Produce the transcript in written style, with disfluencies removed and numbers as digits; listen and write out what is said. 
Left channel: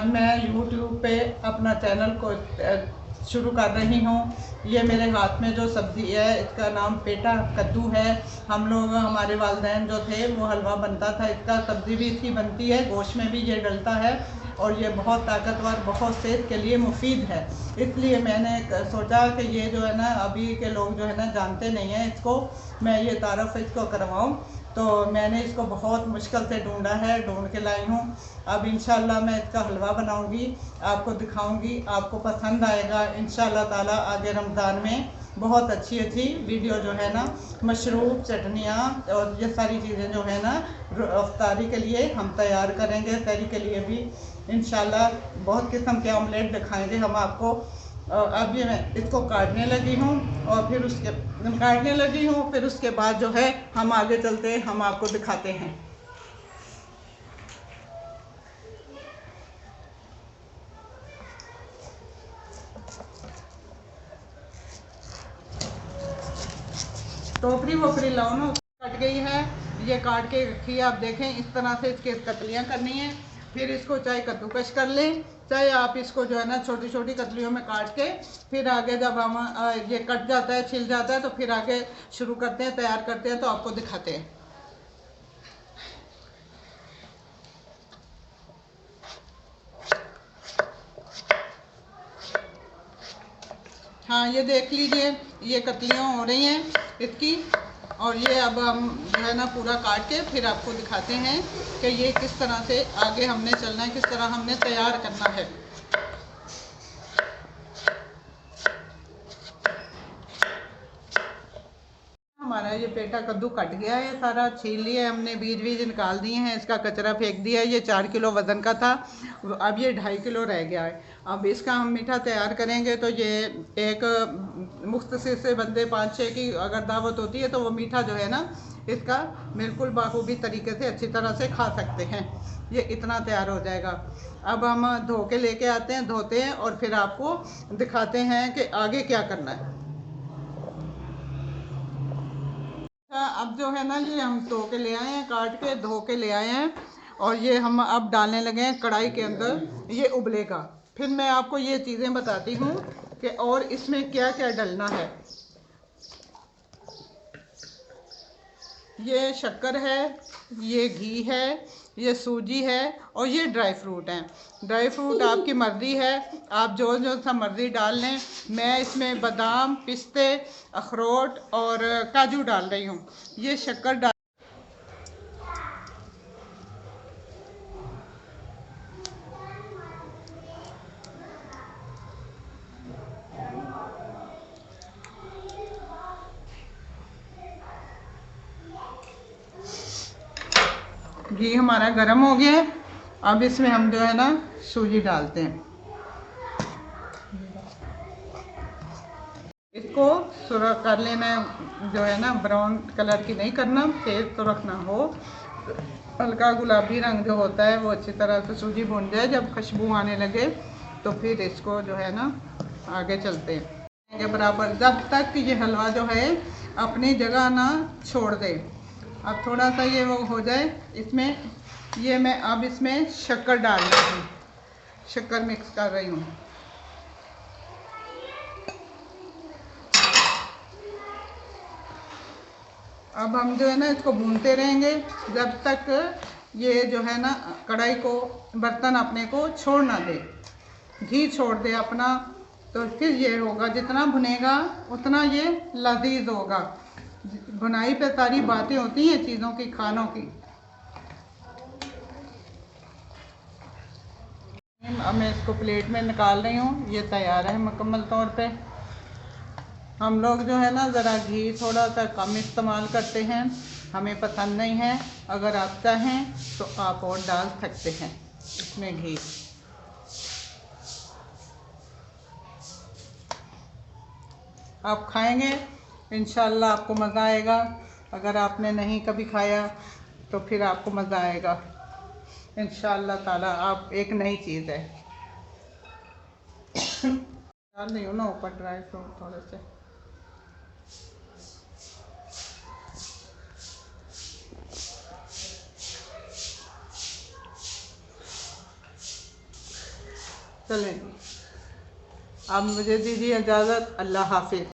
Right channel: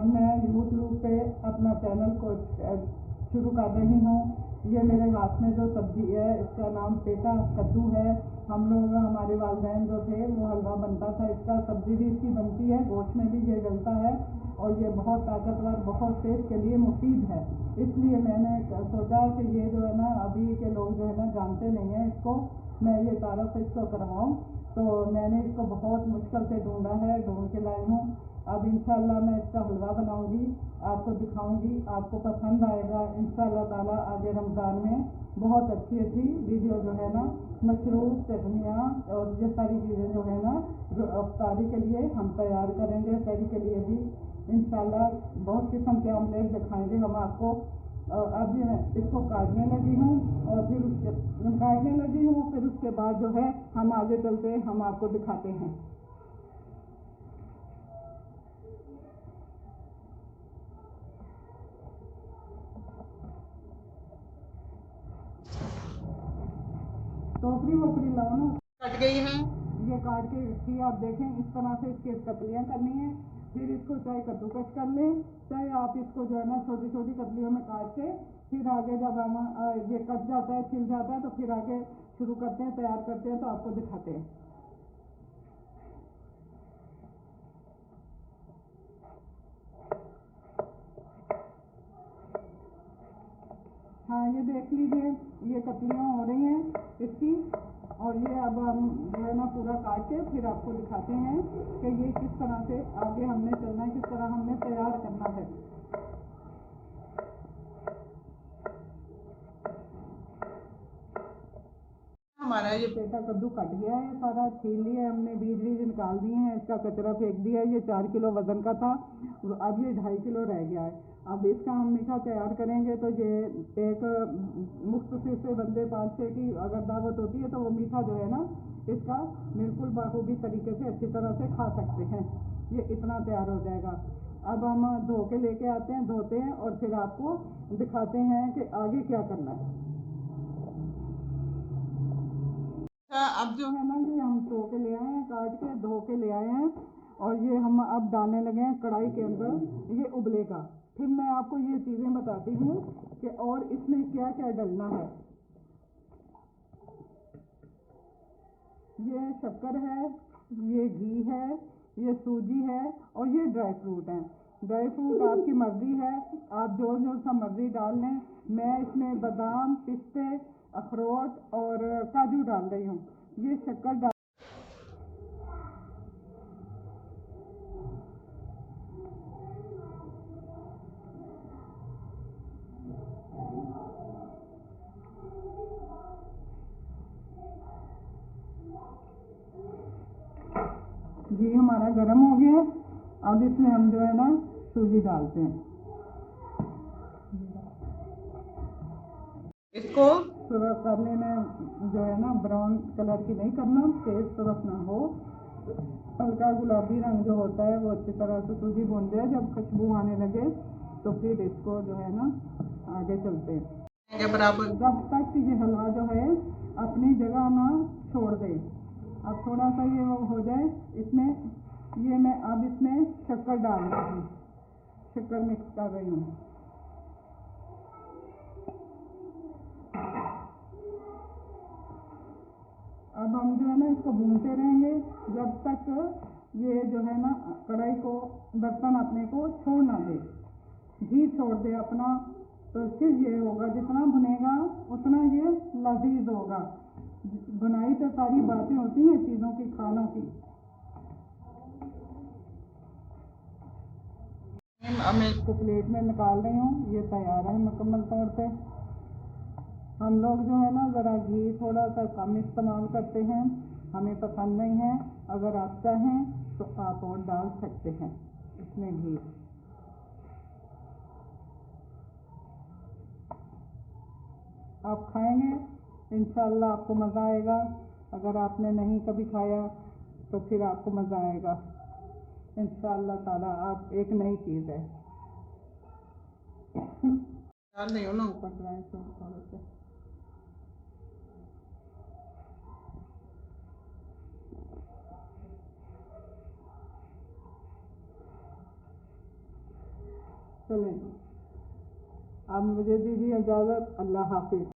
आज मैं YouTube पे अपना चैनल को शुरू कर रही हूँ। ये मेरे हाथ में जो सब्ज़ी है इसका नाम पेटा कद्दू है। हम लोग हमारे वालिदैन जो थे वो हलवा बनता था, इसका सब्ज़ी भी इसकी बनती है, गोश्त में भी ये डलता है और ये बहुत ताकतवर, बहुत सेहत के लिए मुफीद है। इसलिए मैंने सोचा कि ये जो है ना अभी के लोग जो है ना जानते नहीं हैं इसको, मैं ये तारफ़ इसको करवाऊँ। तो मैंने इसको बहुत मुश्किल से ढूंढा है, ढूंढ के लाई हूँ। अब इंशाल्लाह मैं इसका हलवा बनाऊंगी, आपको दिखाऊंगी, आपको पसंद आएगा इंशाल्लाह ताला। आगे रमज़ान में बहुत अच्छी अच्छी वीडियो जो है ना, मशरूब, चटनियाँ और ये सारी चीज़ें जो है ना अफ्तारी के लिए हम तैयार करेंगे। सहरी के लिए भी इंशाल्लाह बहुत किस्म के ऑमलेट दिखाएंगे हम आपको। अब ये मैं इसको काटने लगी हूँ और फिर उसके बाद जो है हम आगे चलते हैं, हम आपको दिखाते हैं। टोकरी वोकरी लाओ ना, कट गई है, ये काट के रखी है। आप देखें इस तरह से इसके कतलियाँ करनी है। फिर इसको चाहे कद्दूकश कर लें, चाहे आप इसको जो है ना छोटी छोटी कतलियों में काट के फिर आगे जब हम ये कट जाता है, छिल जाता है, तो फिर आगे शुरू करते हैं, तैयार करते हैं, तो आपको दिखाते हैं। हाँ, ये देख लीजिए, ये कतलियाँ हो रही हैं इसकी। और ये अब हम जो है ना पूरा काट के फिर आपको दिखाते हैं कि ये किस तरह से आगे हमने चलना है, किस तरह हमने तैयार करना है। हमारा ये पेटा कद्दू कट गया है, सारा छील लिया हमने, बीज बीज निकाल दिए हैं, इसका कचरा फेंक दिया है। ये 4 किलो वज़न का था, अब ये 2.5 किलो रह गया है। अब इसका हम मीठा तैयार करेंगे तो ये एक मुख्तसर से बंदे 5-6 की अगर दावत होती है तो वो मीठा जो है ना इसका बिल्कुल बाखूबी तरीके से अच्छी तरह से खा सकते हैं। ये इतना तैयार हो जाएगा। अब हम धो के लेके आते हैं, धोते हैं और फिर आपको दिखाते हैं कि आगे क्या करना है। अब जो है ना ये हम धो के ले आए हैं, काट के धो के ले आए हैं और ये हम अब डालने लगे हैं कढ़ाई के अंदर, ये उबलेगा। फिर मैं आपको ये चीज़ें बताती हूँ कि और इसमें क्या क्या डलना है। ये शक्कर है, ये घी है, ये सूजी है और ये ड्राई फ्रूट हैं। ड्राई फ्रूट आपकी मर्ज़ी है, आप जो जो सा मर्ज़ी डाल लें। मैं इसमें बादाम, पिस्ते, अखरोट और काजू डाल रही हूँ। ये शक्कर डाल घी हमारा गर्म हो गया है। अब इसमें हम जो है ना सूजी डालते हैं। इसको सुरख कर लेना है, जो है ना ब्राउन कलर की नहीं करना, तेज तो रखना हो, हल्का गुलाबी रंग जो होता है वो अच्छी तरह से सूजी भून जाए। जब खुशबू आने लगे तो फिर इसको जो है ना आगे चलते हैं बराबर, जब तक ये हलवा जो है अपनी जगह ना छोड़ दे। अब थोड़ा सा ये वो हो जाए, इसमें ये मैं अब इसमें शक्कर डाल रही हूँ, शक्कर मिक्स कर रही हूँ। अब हम जो है ना इसको भूनते रहेंगे जब तक ये जो है ना कढ़ाई को, बर्तन अपने को छोड़ ना दे, घी छोड़ दे अपना। तो फिर ये होगा, जितना भुनेगा उतना ये लजीज होगा। भुनाई पे सारी बातें होती हैं चीज़ों की, खानों की। अब मैं इसको प्लेट में निकाल रही हूँ, ये तैयार है मुकम्मल तौर पे। हम लोग जो है ना ज़रा घी थोड़ा सा कम इस्तेमाल करते हैं, हमें पसंद नहीं है। अगर आप चाहें तो आप और डाल सकते हैं इसमें घी। आप खाएंगे इंशाल्लाह आपको मज़ा आएगा। अगर आपने नहीं कभी खाया तो फिर आपको मज़ा आएगा इंशाल्लाह ताला। आप एक नई चीज़ है। डाल रही हो ना ऊपर ड्राई फ्रूट थोड़े से। चलें, अब मुझे दीजिए इजाज़त। अल्लाह हाफिज़।